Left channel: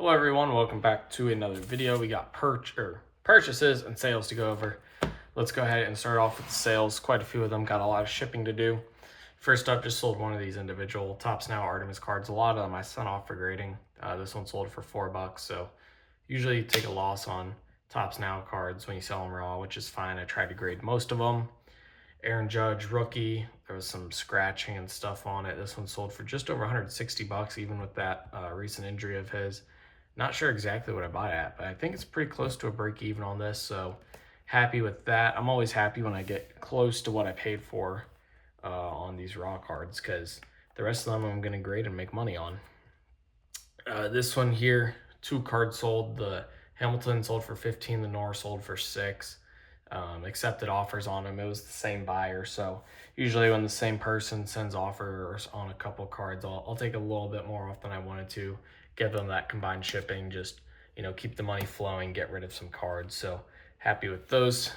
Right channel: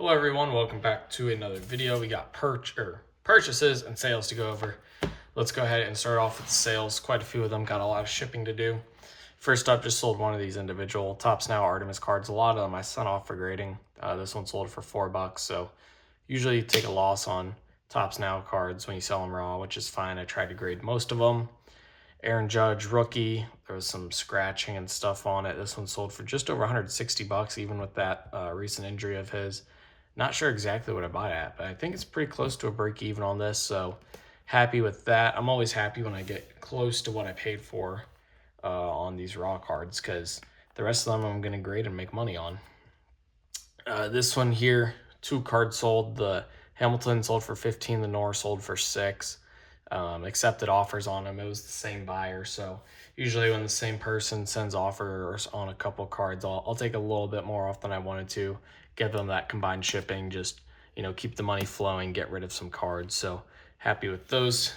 Hello everyone, welcome back to another video. We got purchases and sales to go over. Let's go ahead and start off with the sales. Quite a few of them, got a lot of shipping to do. First up, just sold one of these individual Tops Now Artemis cards. A lot of them I sent off for grading. This one sold for $4, so usually you take a loss on Tops Now cards when you sell them raw, which is fine. I tried to grade most of them. Aaron Judge, rookie. There was some scratching and stuff on it. This one sold for just over $160, even with that recent injury of his. Not sure exactly what I bought at, but I think it's pretty close to a break even on this, so happy with that. I'm always happy when I get close to what I paid for on these raw cards, because the rest of them I'm going to grade and make money on. This one here, 2 cards sold. The Hamilton sold for 15, the Norris sold for 6. Accepted offers on them. It was the same buyer, so usually when the same person sends offers on a couple cards, I'll take a little bit more off than I wanted to, give them that combined shipping, just keep the money flowing, get rid of some cards. So happy with those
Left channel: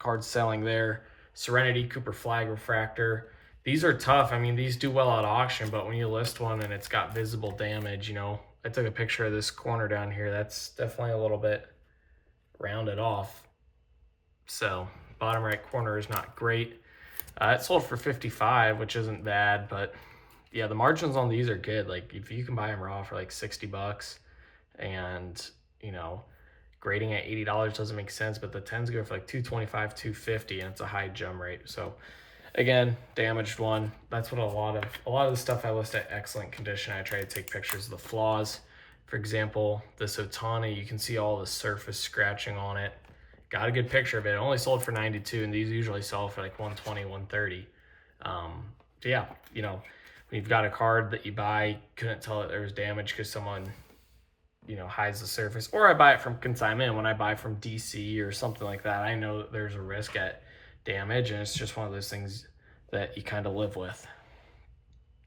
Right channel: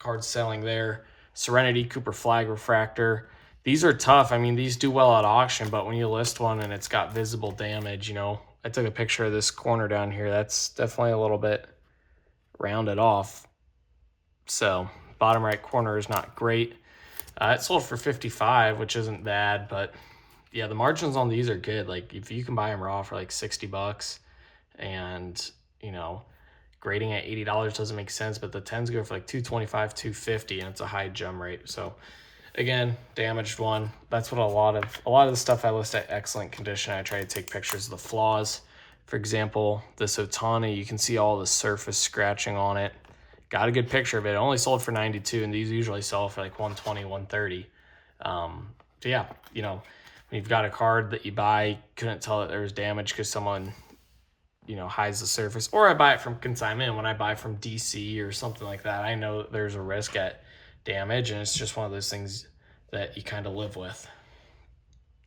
cards selling there. Serenity, Cooper Flag Refractor. These are tough. I mean, these do well at auction, but when you list one and it's got visible damage, I took a picture of this corner down here. That's definitely a little bit rounded off. So bottom right corner is not great. It sold for 55, which isn't bad, but yeah, the margins on these are good. Like if you can buy them raw for like $60 and grading at $80 doesn't make sense, but the 10s go for like $225, $250, and it's a high gem rate. So again, damaged one. That's what a lot of the stuff I list at excellent condition. I try to take pictures of the flaws. For example, this Otani, you can see all the surface scratching on it. Got a good picture of it. It only sold for 92, and these usually sell for like 120, 130. So yeah, when you've got a card that you buy, couldn't tell that there was damage because someone, hides the surface, or I buy it from consignment. When I buy from DC or something like that, I know that there's a risk at damage, and it's just one of those things that you kind of live with.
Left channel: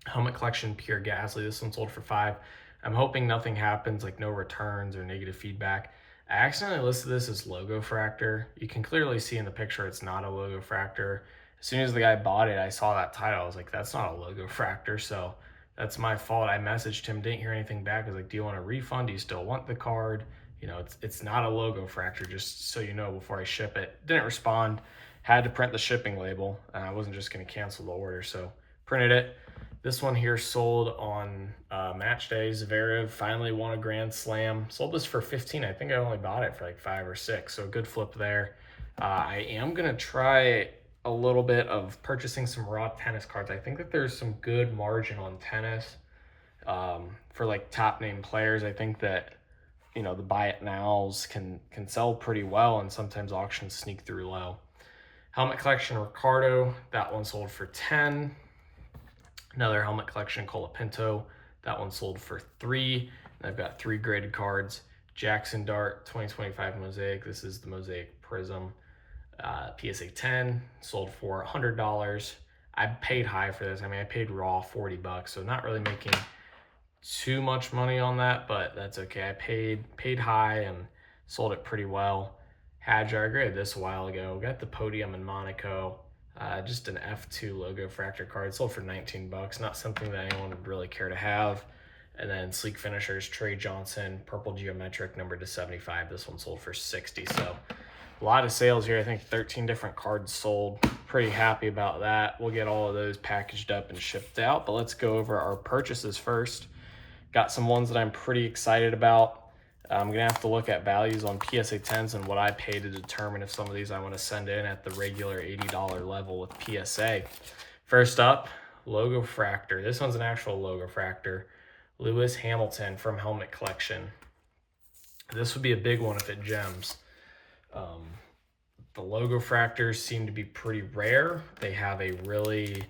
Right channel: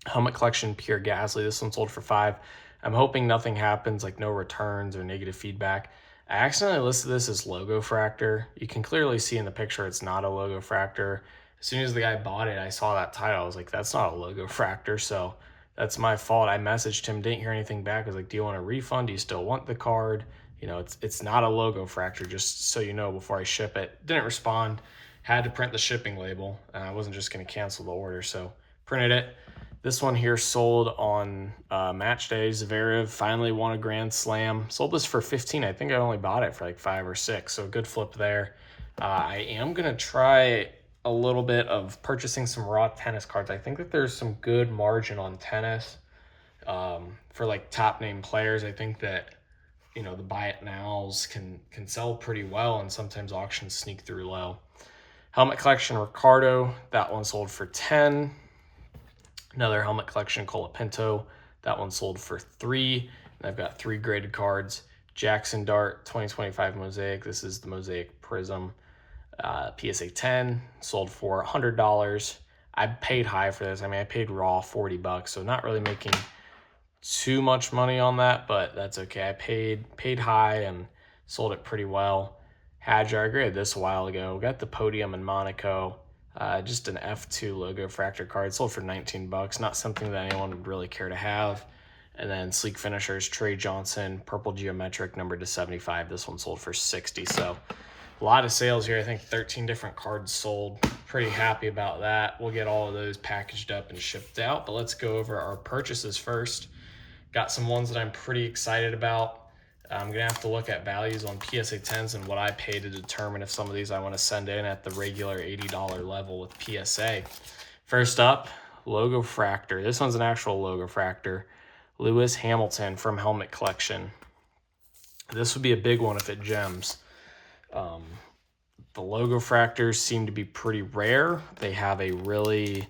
Helmet Collection Pure Gasly. This one sold for 5. I'm hoping nothing happens, like no returns or negative feedback. I accidentally listed this as Logo Fractor. You can clearly see in the picture it's not a Logo Fractor. As soon as the guy bought it, I saw that title. I was like, that's not a Logo Fractor, so that's my fault. I messaged him, didn't hear anything back. I was like, do you want a refund? Do you still want the card? It's not a Logo Fractor, just so you know before I ship it. Didn't respond. Had to print the shipping label. I wasn't just going to cancel the order, so printed it. This one here sold on match day. Zverev finally won a Grand Slam. Sold this for 15. I think I only bought it for like 5 or 6, so good flip there. I am going to try a little bit of purchasing some raw tennis cards. I think that there's some good margin on tennis for like top name players. I think that the buy it nows can sell pretty well, and sometimes auctions sneak through low. Helmet Collection Ricardo, that one sold for 10. Another Helmet Collection Colapinto, that one sold for 3. And I've got 3 graded cards. Jackson Dart 2025 Mosaic. This is the Mosaic Prism. PSA 10 sold for $100. I paid high for this. I mean, I paid raw $40, so not really making too much money on that, but that's okay. I paid high and sold it pretty well. Hadjar, I graded this a while ago. Got the Podium in Monaco. Just an F2 Logo Fractor card. Sold for $19. Not something that anyone would really care to have. And then Sleek Finishers, Trey Johnson, Purple Geometric, numbered to 75. This one sold for 60. So a lot of sales here. I think 13 different cards sold. Pretty happy about that. We'll get all of those packaged up and shipped out. But let's go over our purchases first. Got some ones that I'm pretty excited about. I'm going to have to look at values on PSA 10s and what I pay to determine if some of these I want to send in at the regular $80 level with PSA. First up, Logo Fractor. This one's an actual Logo Fractor. Lewis Hamilton from Helmet Collection. This would be a big one if it gems. The Logo Fractors seem to be pretty rare. They have a really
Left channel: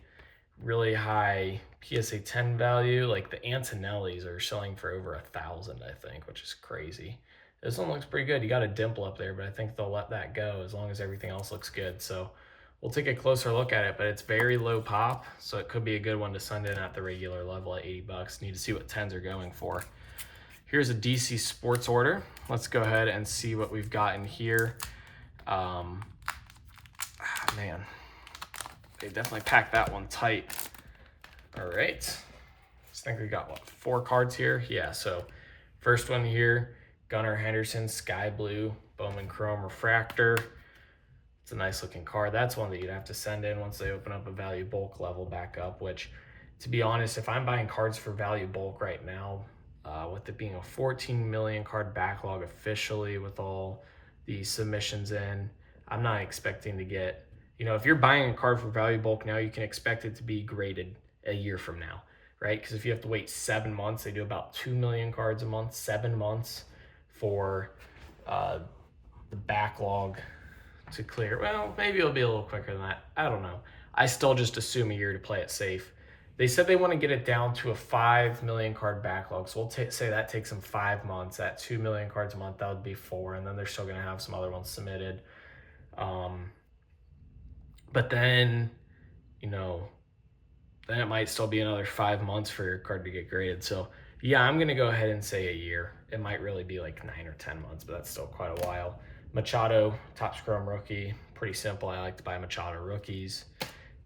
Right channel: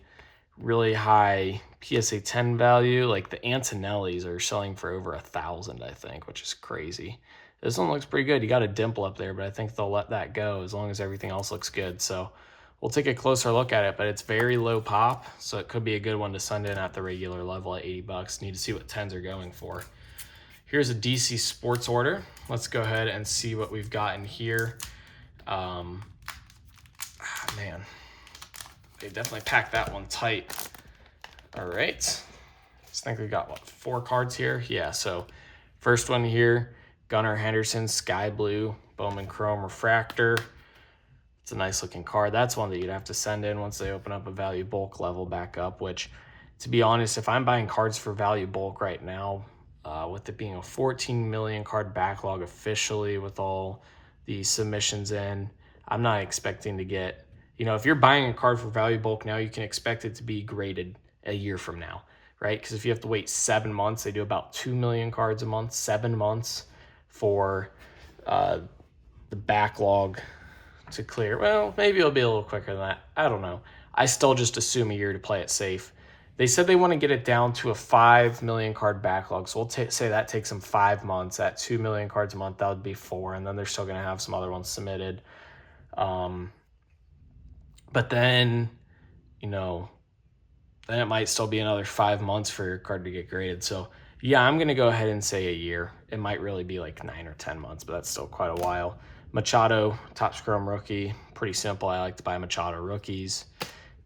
high PSA 10 value. Like the Antonellis are selling for over 1,000, I think, which is crazy. This one looks pretty good. You got a dimple up there, but I think they'll let that go as long as everything else looks good. So we'll take a closer look at it, but it's very low pop, so it could be a good one to send in at the regular level at $80. Need to see what 10s are going for. Here's a DC Sports order. Let's go ahead and see what we've got in here. Man, they definitely packed that one tight. All right, I think we got, what, 4 cards here? Yeah, so First one here, Gunnar Henderson, Sky Blue, Bowman Chrome Refractor. It's a nice looking card. That's one that you'd have to send in once they open up a value bulk level back up, which, to be honest, if I'm buying cards for value bulk right now, with it being a 14 million card backlog officially with all the submissions in, I'm not expecting to get, if you're buying a card for value bulk now, you can expect it to be graded a year from now, right? Because if you have to wait 7 months, they do about 2 million cards a month, 7 months for the backlog to clear. Well, maybe it'll be a little quicker than that. I don't know. I still just assume a year to play it safe. They said they want to get it down to a 5 million card backlog. So we'll say that takes them 5 months. At 2 million cards a month, that would be 4. And then they're still going to have some other ones submitted. But then, then it might still be another 5 months for your card to get graded. So yeah, I'm going to go ahead and say a year. It might really be like 9 or 10 months, but that's still quite a while. Machado, Topps Chrome rookie. Pretty simple. I like to buy Machado rookies.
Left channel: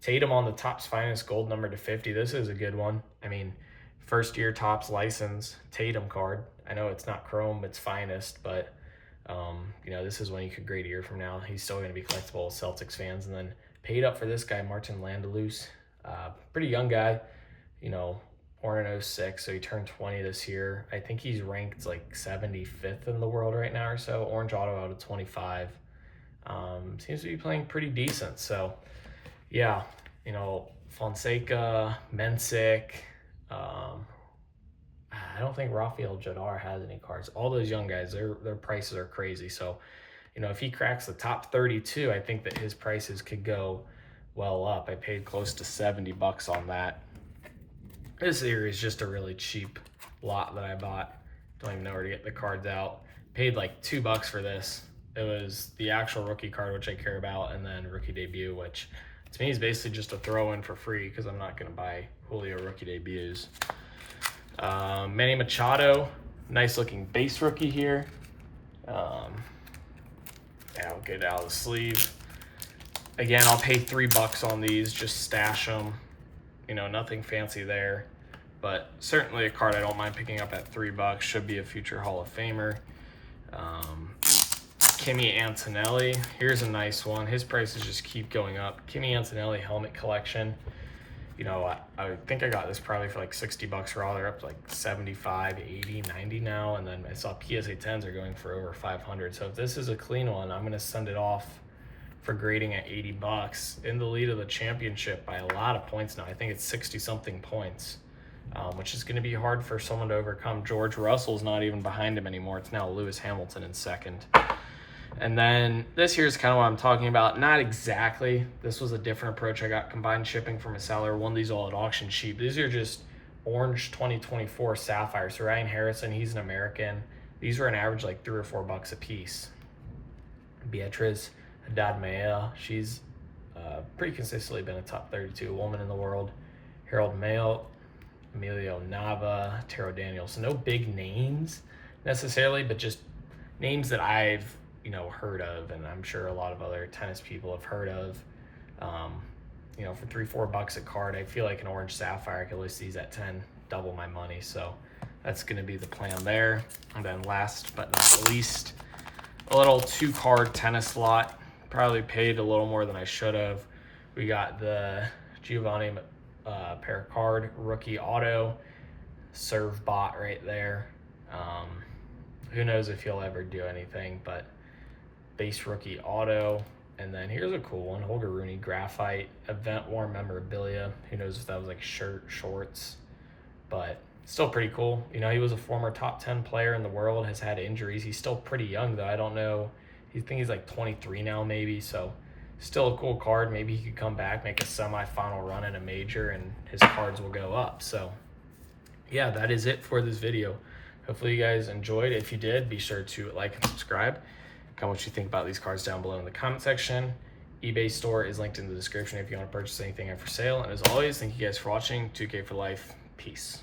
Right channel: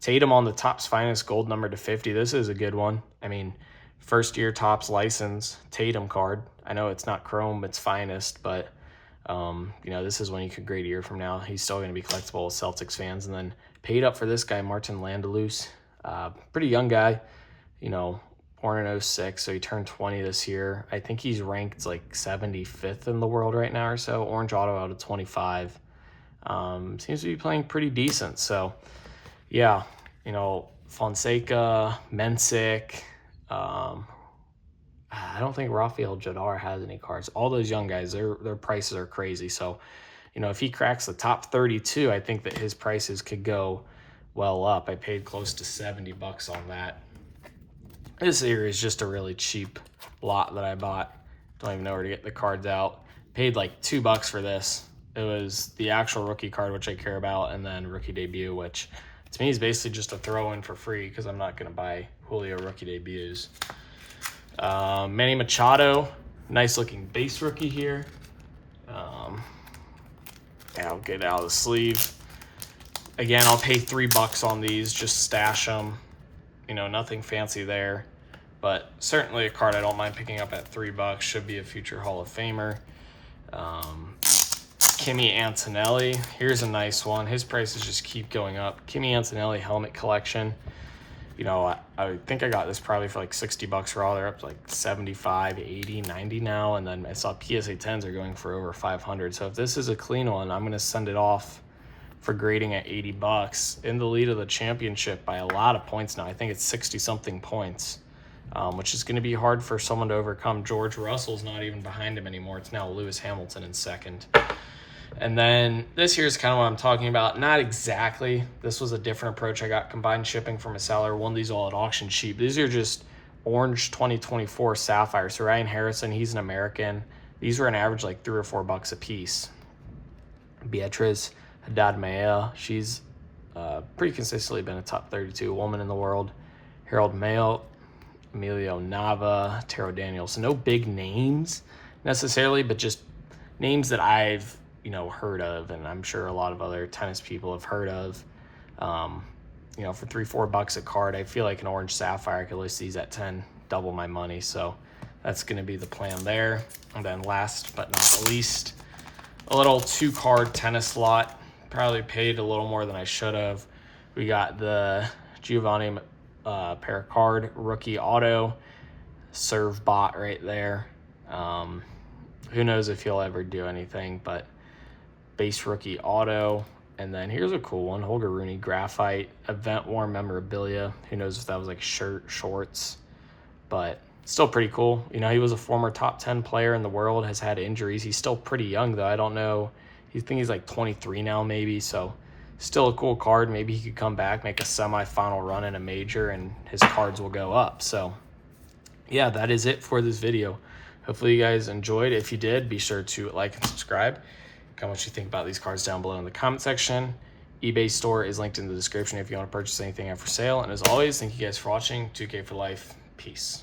Tatum on the Topps Finest Gold number /50. This is a good one. I mean, first year Topps license Tatum card. I know it's not Chrome, it's Finest, but this is when you could grade a year from now. He's still going to be collectible with Celtics fans. And then paid up for this guy, Martin Landalus. Pretty young guy, born in 06, so he turned 20 this year. I think he's ranked like 75th in the world right now or so. Orange auto out of 25. Seems to be playing pretty decent. So yeah, Fonseca, Mensick. I don't think Rafael Jadar has any cards. All those young guys, their prices are crazy. So, if he cracks the top 32, I think that his prices could go well up. I paid close to $70 on that. This here is just a really cheap lot that I bought. Don't even know where to get the cards out. Paid like $2 for this. It was the actual rookie card, which I care about, and then rookie debut, which to me is basically just a throw in for free because I'm not going to buy Julio rookie debuts. Manny Machado, nice looking base rookie here. I'll get it out of the sleeve. Again, I'll pay $3 on these, just stash them. Nothing fancy there, but certainly a card I don't mind picking up at $3. Should be a future Hall of Famer. Kimi Antonelli, here's a nice one. His prices just keep going up. Kimi Antonelli helmet collection. I think I got this probably for like $60 raw. They're up to like 75, 80, 90 now. And then I saw PSA 10s are going for over 500. So if this is a clean one, I'm going to send it off for grading at $80. In the lead of the championship by a lot of points now. I think it's 60 something points, which is going to be hard for someone to overcome. George Russell's not even behind him anymore. It's now Lewis Hamilton in second. And then this here is kind of what I'm talking about. Not exactly. This was a different approach. I got combined shipping from a seller. Won these all at auction cheap. These are just orange 2024 Sapphire. So Ryan Harrison, he's an American. These were an average like $3 or $4 a piece. Beatriz Haddad Maya, she's pretty consistently been a top 32 woman in the world. Harold Mayo, Emilio Nava, Taro Daniels. So no big names necessarily, but just names that I've heard of, and I'm sure a lot of other tennis people have heard of. For $3, $4 a card, I feel like an orange sapphire, I could list these at 10, double my money. So that's going to be the plan there. And then last but not least, a little 2-card tennis lot. Probably paid a little more than I should have. We got the Giovanni Pericard rookie auto, serve bot right there. Who knows if he'll ever do anything, but base rookie auto. And then here's a cool one, Holger Rooney graphite event worn memorabilia. Who knows if that was like shirt, shorts, but still pretty cool. He was a former top 10 player in the world, has had injuries. He's still pretty young though. I don't know. I think he's like 23 now maybe, so still a cool card. Maybe he could come back, make a semifinal run in a major, and his cards will go up. So yeah, that is it for this video. Hopefully you guys enjoyed. If you did, be sure to like and subscribe. Comment what you think about these cards down below in the comment section. eBay store is linked in the description if you want to purchase anything out for sale. And as always, thank you guys for watching. 2K for life. Peace.